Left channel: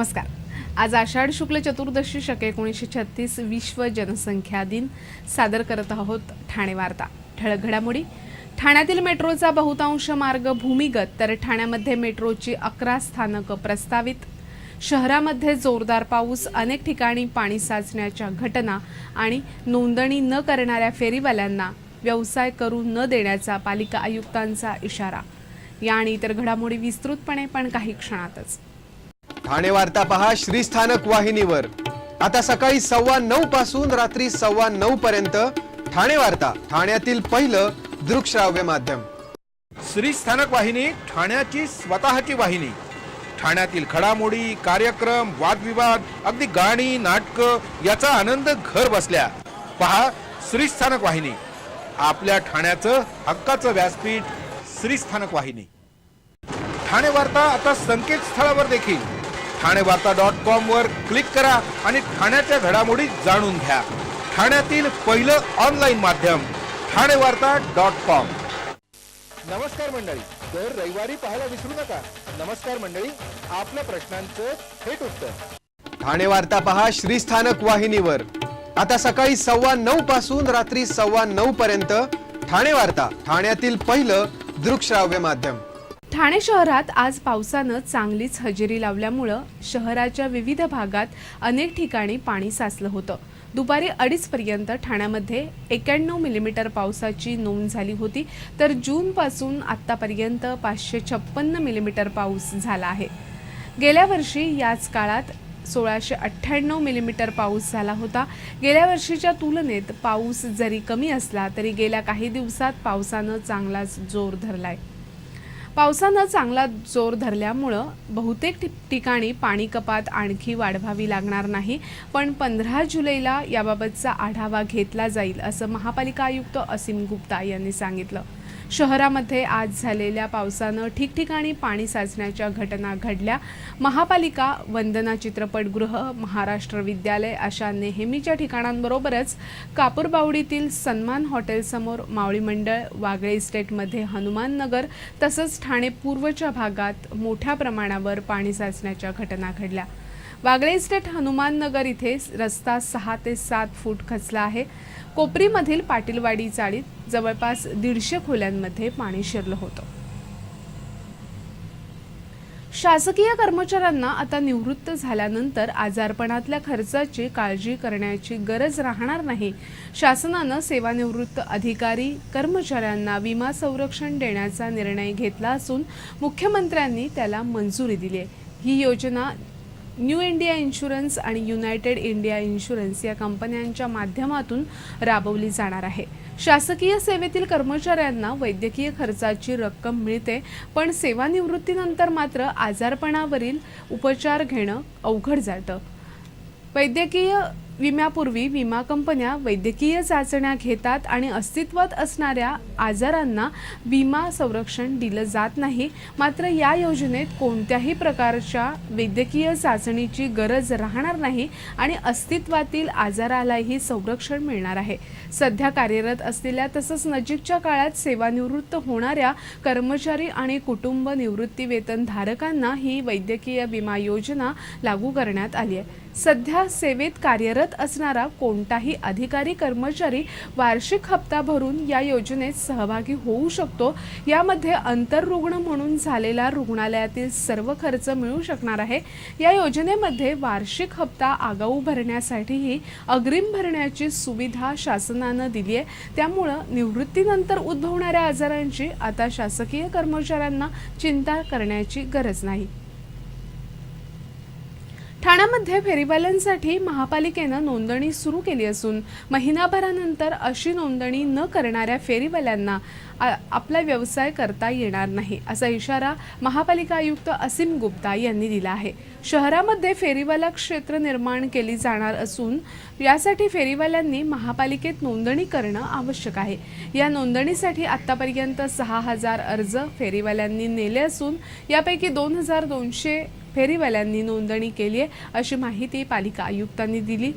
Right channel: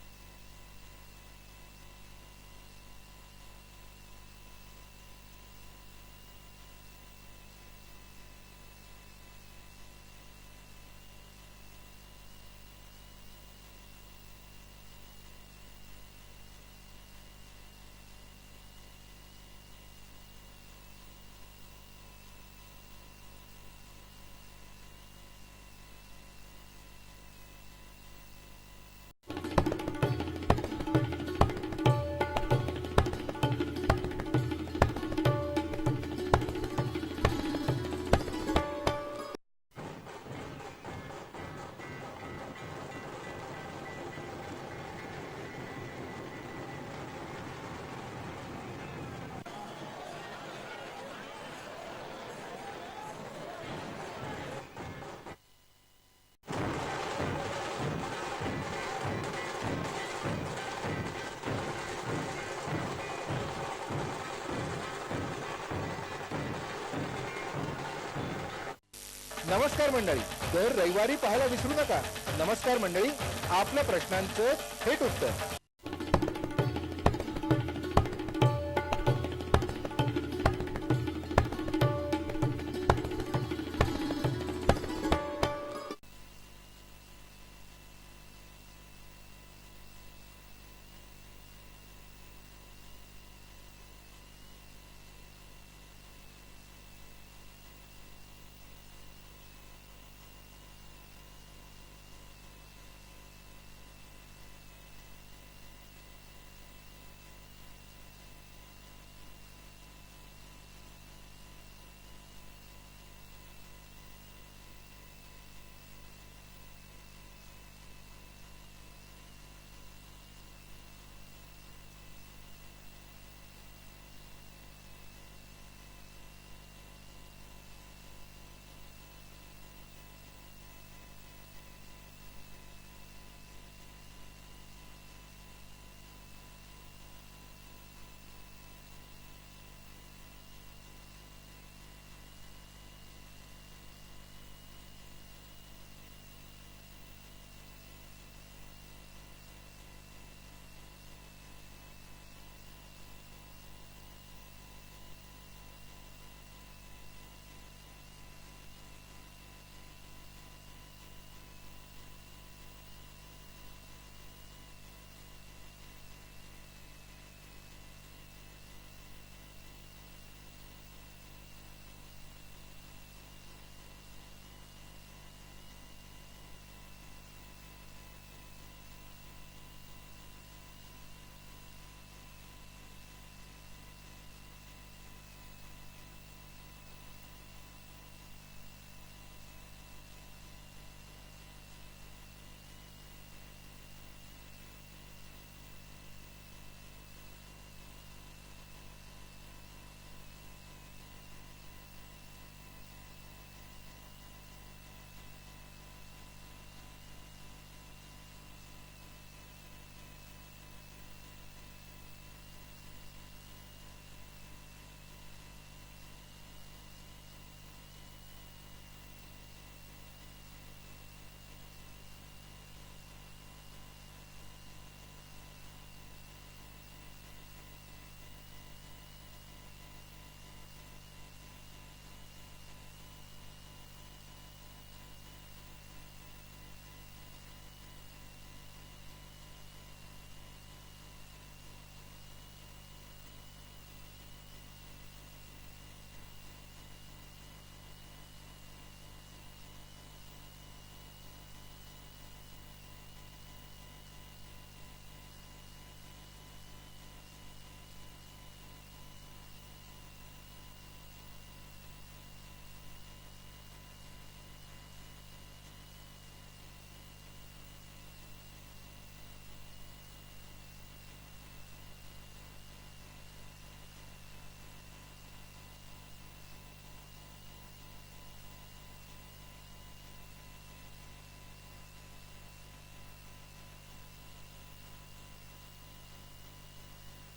नमस्कार। आज आषाढ शुक्ल चतुर्दशी शके 1936 विश्व जनसंख्या दिन सादर करत आहोत ठाणे वार्ता। ठळक घडामोडी। ठाण्यातील मेट्रोचा बहुतांश मार्ग भूमिगत तर ठाण्यामध्ये मेट्रोची 11 स्थानकं प्रस्तावित। शहरामध्ये जोरदार पाऊस, अनेक ठिकाणी पाणी साचण्याच्या घटना आणि नोंदणी न करणाऱ्या फेरीवाल्यांना व्यवसाय करू न देण्याचा पालिका आयुक्तांचा इशारा। या आणि इतर घडामोडी विस्तृतपणे पण काही क्षणातच। ठाणे वार्ता पहा श्रीस्थानक वाहिनीवर। आता सकाळी 9:15 पासून रात्री 9:15 पर्यंत ठाणे वार्ता, ठाण्यातील पहिलं दृकश्राव्य माध्यम। श्रीस्थानक वाहिनी ठाण्याची स्वतःची वाहिनी। ठाण्यातील घडामोडी, कार्यक्रम, वादविवाद, अगदी गाणी, नाटक याचा आनंद घर बसल्या पहा श्रीस्थानक वाहिनी। आपल्या ठाण्याचं हक्काचं व्यासपीठ श्रीस्थानक वाहिनी। ठाणे वार्ता आता संकेतस्थळावर देखील ठाणेवार्ता.com वर क्लिक करा आणि ठाण्याच्या घडामोडी जाणून घ्या। ठाण्यातील पहिलं ऑनलाईन माध्यम ठाणेवार्ता.com। नमस्कार मंडळी, दर रविवारी पाहायला विसरू नका। नमस्कार मंडळी, आपल्या प्रश्नांचं थेट उत्तर। ठाणे वार्ता पहा श्रीस्थानक वाहिनीवर। आता सकाळी 9:15 पासून रात्री 9:15 पर्यंत ठाणे वार्ता, ठाण्यातील पहिलं दृकश्राव्य माध्यम। ठाणे शहरात आज पावसानं चांगलीच हजेरी लावल्यामुळे शहराच्या विविध भागात अनेक ठिकाणी पाणी साचलं होतं। दुपारी 2:30 पर्यंत ठाण्यामध्ये 91 मिलीमीटर पावसाची नोंद झाली होती, तर जून पासून आतापर्यंत 556 मिलीमीटर पाऊस झाला आहे। गेल्या वर्षी याच काळात 1698 मिलीमीटर पाऊस झाला होता। गेल्या वर्षीच्या तुलनेत पाऊस जरी कमी असला तरी गेल्या काही दिवसात पावसानं चांगलाच जोर धरलाय। पावसानं चांगला जोर धरल्यामुळे बहुतेक ठिकाणी पाणी कपात आणखी वाढवावी लागणार नाही, पण 15 जुलैला याबाबतचा आढावा घेतला जाईल असं महापालिका आयुक्त असीम गुप्ता यांनी सांगितलं। शहरामध्ये आज झालेल्या पावसानं ठिकठिकाणी पाणी साचण्याच्या घटना घडल्या। महापालिका, वंदना चित्रपटगृह, महाराष्ट्र विद्यालय अशा नेहमीच्या ठिकाणांबरोबरच कापूरबावडीतील सन्मान हॉटेलसमोर मावळी मंडळ, वागळे इस्टेटमध्ये हनुमान नगर तसंच ठाणे पूर्वच्या भागात मोठ्या प्रमाणावर पाणी साचण्याच्या घटना घडल्या। वागळे इस्टेट हनुमान नगर इथे रस्ता 6 ते 7 फूट खचला आहे। कोपरीमधील पाटीलवाडी चाळीत जवळपास 150 खोल्यांमध्ये पाणी शिरलं होतं। शासकीय कर्मचाऱ्यांना आता निवृत्त झाल्यानंतर आजारपणातल्या खर्चाची काळजी करण्याची गरज राहणार नाही। शासनानं सेवानिवृत्त अधिकारी कर्मचाऱ्यांना विमा संरक्षण देण्याचा निर्णय घेतला असून मुख्यमंत्र्यांनी त्याला मंजुरी दिली आहे। ही योजना न्यू इंडिया इन्शुरन्स आणि युनायटेड इंडिया इन्शुरन्स या कंपन्यांच्या माध्यमातून राबवली जाणार आहे। शासकीय सेवेतील कर्मचाऱ्यांना वैद्यकीय खर्चाची रक्कम मिळते, पण सेवानिवृत्तीनंतर मात्र आजारपणावरील उपचार घेणं अवघड जातं। वैद्यकीय विम्यापूर्वी विमा कंपन्या वैद्यकीय चाचण्या घेतात आणि अस्तित्वात असणाऱ्या आजारांना विमा संरक्षण दिलं जात नाही। मात्र या योजनेत कोणत्याही प्रकारच्या वैद्यकीय चाचणीची गरज राहणार नाही आणि अस्तित्वातील आजारालाही संरक्षण मिळणार आहे। सध्या कार्यरत असलेल्या तसंच नजीकच्या काळात सेवानिवृत्त होणाऱ्या कर्मचारी आणि कुटुंब निवृत्ती वेतन धारकांना ही वैद्यकीय विमा योजना लागू करण्यात आली आहे। सध्या सेवेत कार्यरत असणारा कोणताही अधिकारी कर्मचारी वार्षिक हप्ता भरून या योजनेत सहभागी होऊ शकतो। यामध्ये अंतररुग्ण म्हणून झालेला रुग्णालयातील सर्व खर्च मिळू शकणार आहे। या योजनेमध्ये वार्षिक हप्ता आगाऊ भरण्यासाठीही अग्रिम भरण्याची सुविधा शासनानं दिली आहे। त्यामुळे निवृत्तीनंतर उद्भवणाऱ्या आजारांची आता शासकीय कर्मचाऱ्यांना चिंता करण्याची गरज नाही। ठाण्यामध्ये फेरीवाल्यांसाठी महापालिकेनं नोंदणी सुरू केली असून महिनाभरानंतर अशी नोंदणी न करणाऱ्या फेरीवाल्यांना आपला व्यवसाय करता येणार नाही असा इशारा महापालिका आयुक्त असीम गुप्ता यांनी दिला आहे। शहरामध्ये फेरीवाला क्षेत्र निर्माण केली जाणार असून यासाठी फेरीवाल्यांनी महापालिकेत नोंदणी करणं आवश्यक आहे। या नोंदणीसाठी आतापर्यंत 6000 अर्ज फेरीवाल्यांनी नेले असून यापैकी 2200 फेरीवाल्यांनी नोंदणी केली आहे अशी माहिती पालिका आयुक्तांनी दिली।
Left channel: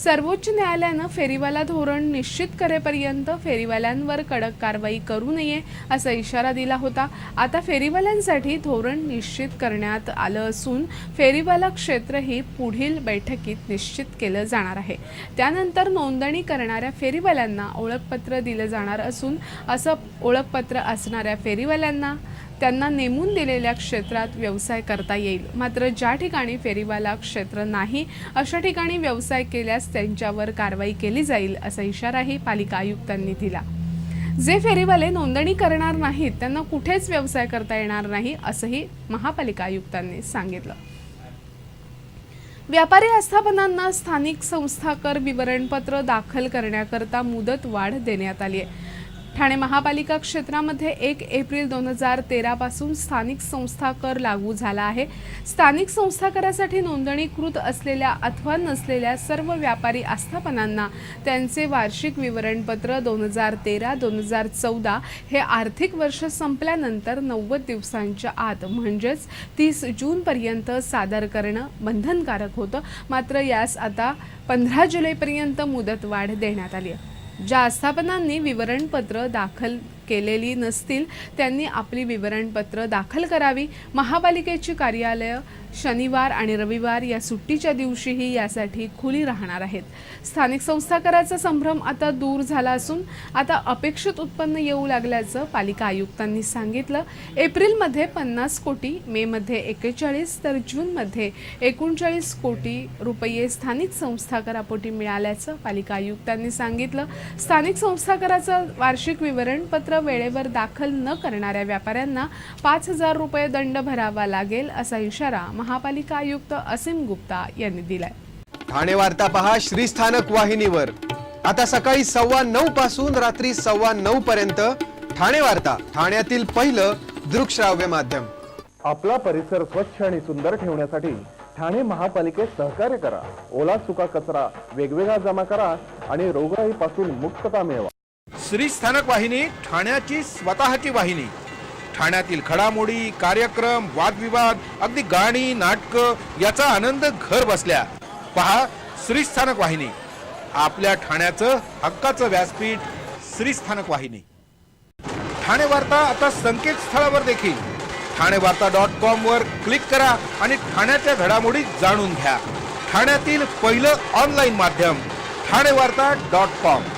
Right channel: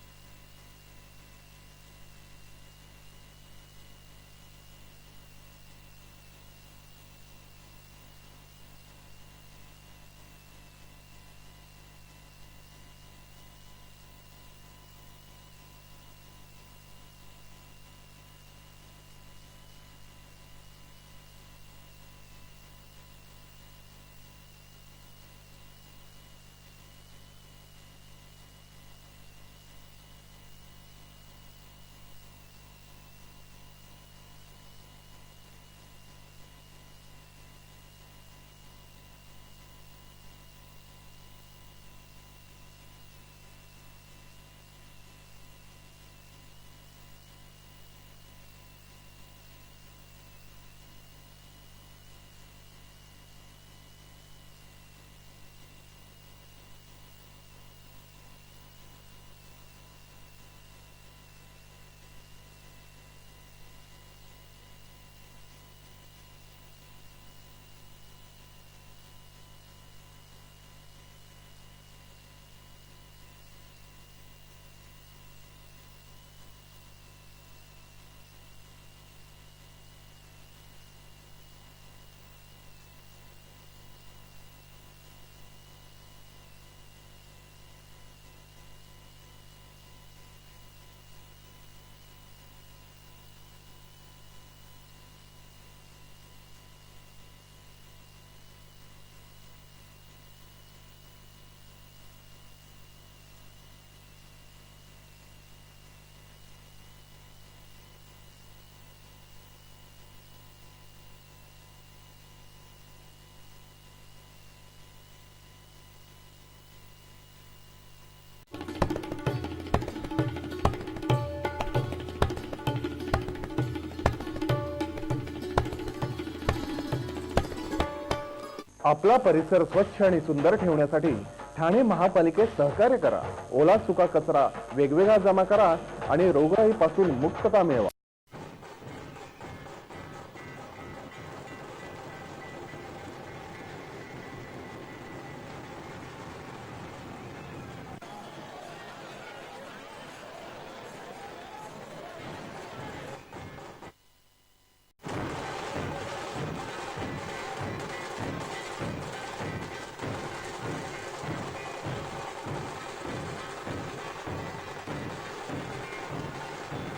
सर्वोच्च न्यायालयानं फेरीवाला धोरण निश्चित करेपर्यंत फेरीवाल्यांवर कडक कारवाई करू नये असा इशारा दिला होता। आता फेरीवाल्यांसाठी धोरण निश्चित करण्यात आलं असून फेरीवाला क्षेत्रही पुढील बैठकीत निश्चित केलं जाणार आहे। त्यानंतर नोंदणी करणाऱ्या फेरीवाल्यांना ओळखपत्र दिलं जाणार असून असं ओळखपत्र असणाऱ्या फेरीवाल्यांना त्यांना नेमून दिलेल्या क्षेत्रात व्यवसाय करता येईल। मात्र ज्या ठिकाणी फेरीवाला क्षेत्र नाही अशा ठिकाणी व्यवसाय केल्यास त्यांच्यावर कारवाई केली जाईल असा इशाराही पालिका आयुक्तांनी दिला। जे फेरीवाले नोंदणी करणार नाहीत त्यांना कुठेच व्यवसाय करता येणार नाही असंही महापालिका आयुक्तांनी सांगितलं। व्यापारी आस्थापनांना स्थानिक संस्था कर विवरणपत्र दाखल करण्याकरता मुदत वाढ देण्यात आली आहे। ठाणे महापालिका क्षेत्रामध्ये 1 एप्रिल 2013 पासून स्थानिक संस्था कर लागू झाला आहे। स्थानिक संस्था करासाठी नोंदणीकृत असलेल्या अथवा नसलेल्या सर्व व्यापारी आस्थापनांना त्यांचे वार्षिक विवरणपत्र 2013-2014 हे आर्थिक वर्ष संपल्यानंतर 90 दिवसांच्या आत म्हणजेच 30 जून पर्यंत सादर करणं बंधनकारक होतं। मात्र यास आता 15 जुलैपर्यंत मुदतवाढ देण्यात आली आहे। ज्या आस्थापनांनी विवरणपत्र दाखल केलेली नसतील त्यांनी आपली विवरणपत्र दाखल करावी। महापालिकेची कार्यालय शनिवार आणि रविवार या सुट्टीच्या दिवशीही यासाठी खुली राहणार आहेत। स्थानिक संस्था कराचा संभ्रम आता दूर झाला असून आता अपेक्षित उत्पन्न येऊ लागल्याचं पालिका आयुक्तांनी सांगितलं। एप्रिलमध्ये 50 कोटी, मे मध्ये 41 तर जूनमध्ये 39 कोटी रुपये स्थानिक संस्था करापोटी मिळाल्याचं पालिका आयुक्तांनी सांगितलं। स्थानिक संस्था कराचं वार्षिक विवरणपत्र वेळेवर दाखल न करणाऱ्या व्यापाऱ्यांना 5,000 रुपये दंड भरावा लागेल असा इशारा महापालिका आयुक्त असीम गुप्ता यांनी दिलाय। ठाणे वार्ता पहा श्रीस्थानक वाहिनीवर। आता सकाळी 9:15 पासून रात्री 9:15 पर्यंत ठाणे वार्ता, ठाण्यातील पहिलं दृकश्राव्य माध्यम। आपला परिसर स्वच्छ आणि सुंदर ठेवण्यासाठी ठाणे महापालिकेत सहकार्य करा। ओला सुका कचरा वेगवेगळा जमा करा आणि रोगराईपासून मुक्तता मिळवा। श्रीस्थानक वाहिनी ठाण्याची स्वतःची वाहिनी। ठाण्यातील घडामोडी, कार्यक्रम, वादविवाद, अगदी गाणी, नाटकं याचा आनंद घर बसल्या पहा श्रीस्थानक वाहिनी। आपल्या ठाण्याचं हक्काचं व्यासपीठ श्रीस्थानक वाहिनी। ठाणे वार्ता आता संकेतस्थळावर देखील ठाणेवार्ता.com वर क्लिक करा आणि ठाण्याच्या घडामोडी जाणून घ्या। ठाण्यातील पहिलं ऑनलाईन माध्यम ठाणेवार्ता.com।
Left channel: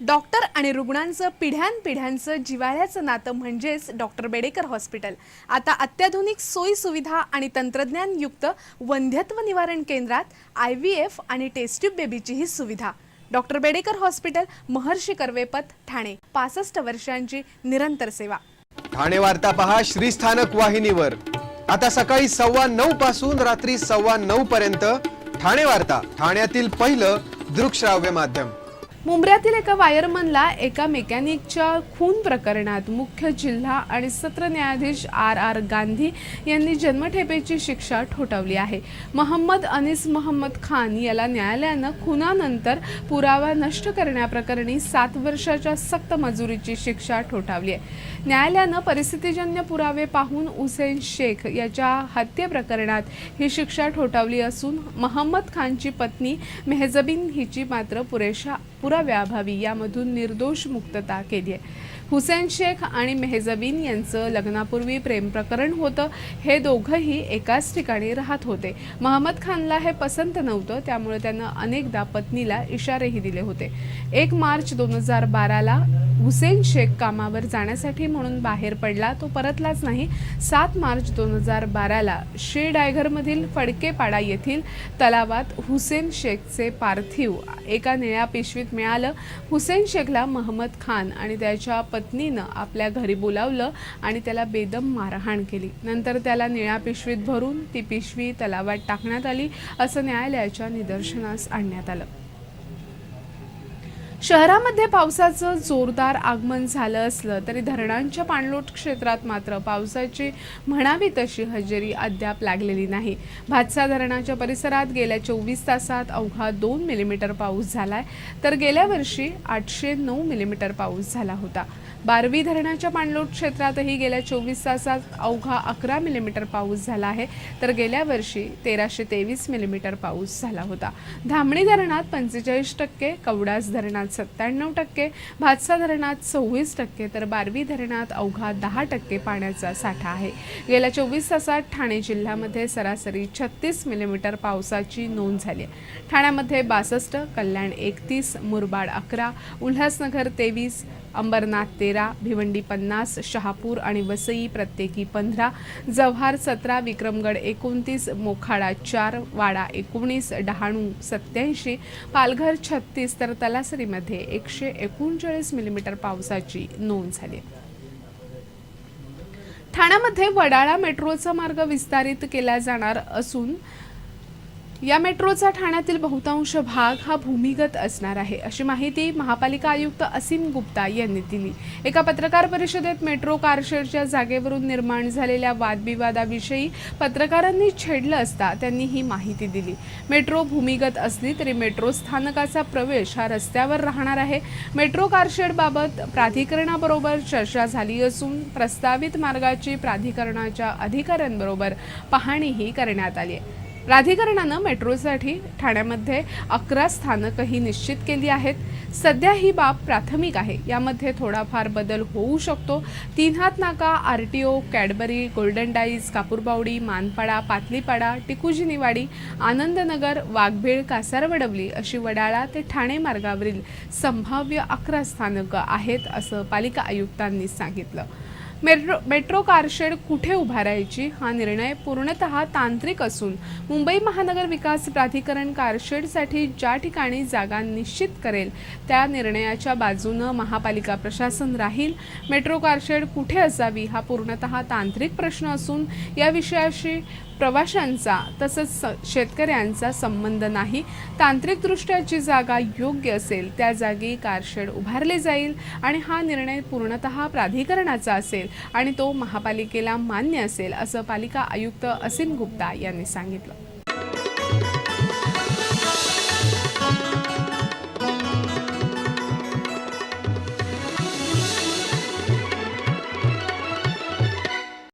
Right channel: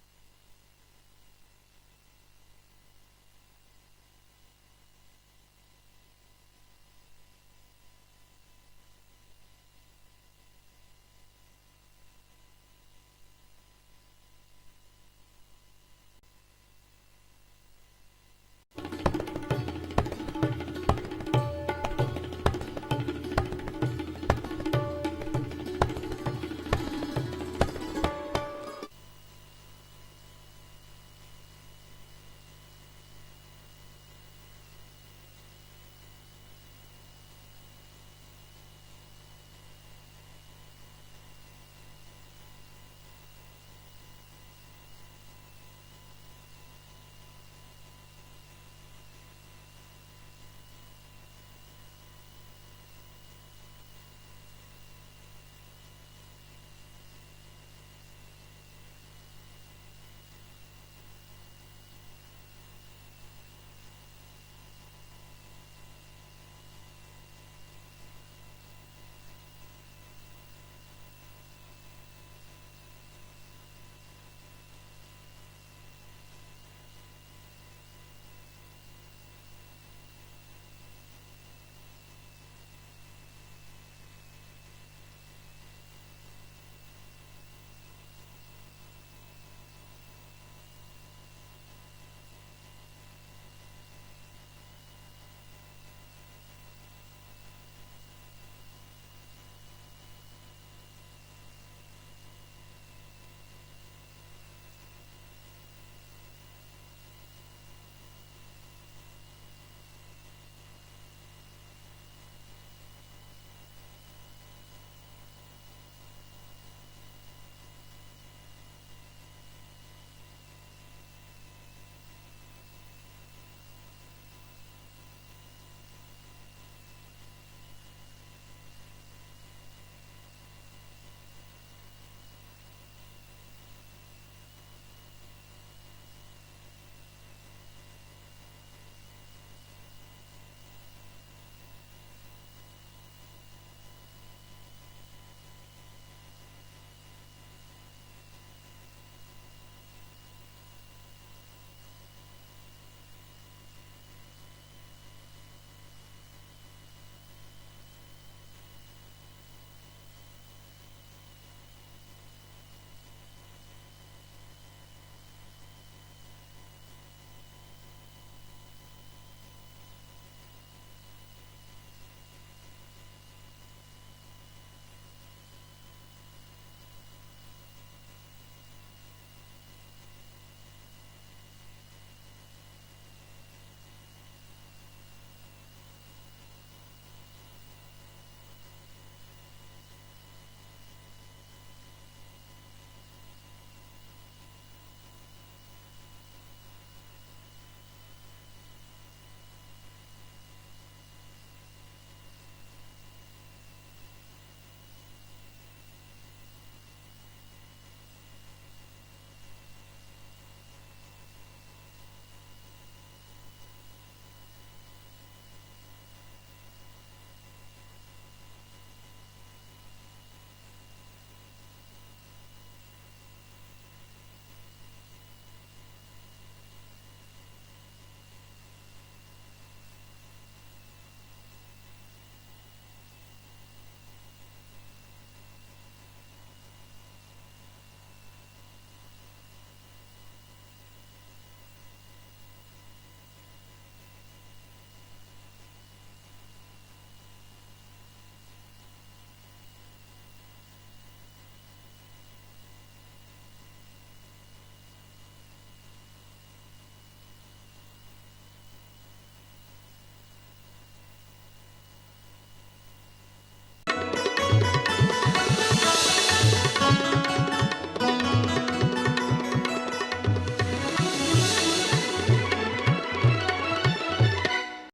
डॉक्टर आणि रुग्णांचं पिढ्यानपिढ्यांचं जिव्हाळ्याचं नातं म्हणजेच डॉक्टर बेडेकर हॉस्पिटल। आता अत्याधुनिक सोयी सुविधा आणि तंत्रज्ञानयुक्त वंध्यत्व निवारण केंद्रात IVF आणि टेस्ट ट्यूब बेबीचीही सुविधा। डॉक्टर बेडेकर हॉस्पिटल, महर्षी कर्वेपथ, ठाणे। 65 वर्षांची निरंतर सेवा। ठाणे वार्ता पहा श्रीस्थानक वाहिनीवर। आता सकाळी 9:15 पासून रात्री 9:15 पर्यंत ठाणे वार्ता, ठाण्यातील पहिलं दृकश्राव्य माध्यम। मुंब्र्यातील एका वायरमनला एका मेकॅनिकच्या खून प्रकरणात मुख्य जिल्हा आणि सत्र न्यायाधीश RR गांधी यांनी जन्मठेपेची शिक्षा ठोठावली आहे। मोहम्मद अनीस मोहम्मद खान याला न्यायालयानं खुनानंतर पुरावा नष्ट करण्याप्रकरणी 7 वर्षाच्या सक्त मजुरीची शिक्षा ठोठावली आहे। न्यायालयानं परिस्थितीजन्य पुरावे पाहून हुसेन शेख याच्या हत्ये प्रकरणात ही शिक्षा ठोठावली असून मोहम्मद खानची पत्नी मेहजबीन हिची मात्र पुराव्याअभावी यामधून निर्दोष मुक्तता केली आहे। हुसेन शेख आणि मेहजबीन यांचं लग्नापूर्वी प्रेम प्रकरण होतं। हे दोघंही एकाच ठिकाणी राहत होते। मोहम्मद खानला हे पसंत नव्हतं, त्यामुळे त्यानं अनेकदा पत्नीला इशारेही दिले होते। 1 मार्च 2012ला हुसेन शेख कामावर जाण्यासाठी म्हणून बाहेर पडला, तो परतलाच नाही। 7 मार्च 2012ला श्रीडायघरमधील फडकेपाडा येथील तलावात हुसेन शेखचे पार्थिव एका निळ्या पिशवीत मिळालं। हुसेन शेखला मोहम्मद खान आणि त्याच्या पत्नीनं आपल्या घरी बोलावलं आणि त्याला बेदम मारहाण केली। नंतर त्याला निळ्या पिशवीत भरून ती पिशवी तलावात टाकण्यात आली असं न्यायालयाच्या निदर्शनास आणण्यात आलं। शहरामध्ये पावसाचं जोरदार आगमन झालं असलं तरी धरणांच्या पाणलोट क्षेत्रात मात्र पावसाची म्हणावी तशी हजेरी अद्याप लागलेली नाही। भातसा धरणाच्या परिसरात गेल्या 24 तासात अवघा 2 मिलीमीटर पाऊस झालाय, तर गेल्या वर्षी 809 मिलीमीटर पाऊस झाला होता। बारवी धरणाच्या पाणलोट क्षेत्रातही गेल्या 24 तासात अवघा 11 मिलीमीटर पाऊस झाला आहे, तर गेल्या वर्षी 1323 मिलीमीटर पाऊस झाला होता. धामणी धरणात 45%, कवडास धरणात 97%, भातसा धरणात 26%, तर बारवी धरणात अवघा 10% पाण्याचा साठा आहे. गेल्या 24 तासात ठाणे जिल्ह्यामध्ये सरासरी 36 मिलीमीटर पावसाची नोंद झाली आहे. ठाण्यामध्ये 62, कल्याण 31, मुरबाड 11, उल्हासनगर 23, अंबरनाथ 13, भिवंडी 50, शहापूर आणि वसई प्रत्येकी 15, जव्हार 17, विक्रमगड 29, मोखाडा 4, वाडा 19, डहाणू 87, पालघर 36, तर तलासरीमध्ये 139 मिलीमीटर पावसाची नोंद झाली. ठाण्यामध्ये वडाळा मेट्रोचा मार्ग विस्तारित केला जाणार असून या मेट्रोचा ठाण्यातील बहुतांश भाग हा भूमिगत असणार आहे, अशी माहिती महापालिका आयुक्त असीम गुप्ता यांनी दिली. एका पत्रकार परिषदेत मेट्रो कारशेडच्या जागेवरून निर्माण झालेल्या वादविवादाविषयी पत्रकारांनी छेडलं असता त्यांनी ही माहिती दिली. मेट्रो भूमिगत असली तरी मेट्रो स्थानकाचा प्रवेश हा रस्त्यावर राहणार आहे. मेट्रो कारशेडबाबत प्राधिकरणाबरोबर चर्चा झाली असून प्रस्तावित मार्गाची प्राधिकरणाच्या अधिकाऱ्यांबरोबर पाहणीही करण्यात आली आहे. प्राधिकरणानं मेट्रोसाठी ठाण्यामध्ये 11 स्थानकही निश्चित केली आहेत. सध्या ही बाब प्राथमिक आहे, यामध्ये थोडाफार बदल होऊ शकतो. Teenhath Naka, RTO, Cadbury, golden dyes, Kapurbawdi, Manpada, Patlipada, Tikujiniwadi, Anandnagar, Waghbil, Kasarvadavali अशी वडाळा ते ठाणे मार्गावरील संभाव्य 11 स्थानकं आहेत, असं पालिका आयुक्तांनी सांगितलं. मेट्रो कारशेड कुठे उभारायची हा निर्णय पूर्णतः तांत्रिक असून मुंबई महानगर विकास प्राधिकरण कारशेडसाठी ज्या ठिकाणी जागा निश्चित करेल त्या निर्णयाच्या बाजूनं महापालिका प्रशासन राहील. मेट्रो कारशेड कुठे असावी हा पूर्णतः तांत्रिक प्रश्न असून या विषयाशी प्रवाशांचा तसंच शेतकऱ्यांचा संबंध नाही. तांत्रिकदृष्ट्या जी जागा योग्य असेल त्या जागी कारशेड उभारले जाईल आणि हा निर्णय पूर्णतः प्राधिकरणाचा असेल आणि तो महापालिकेला मान्य असेल, असं पालिका आयुक्त असीम गुप्ता यांनी सांगितलं.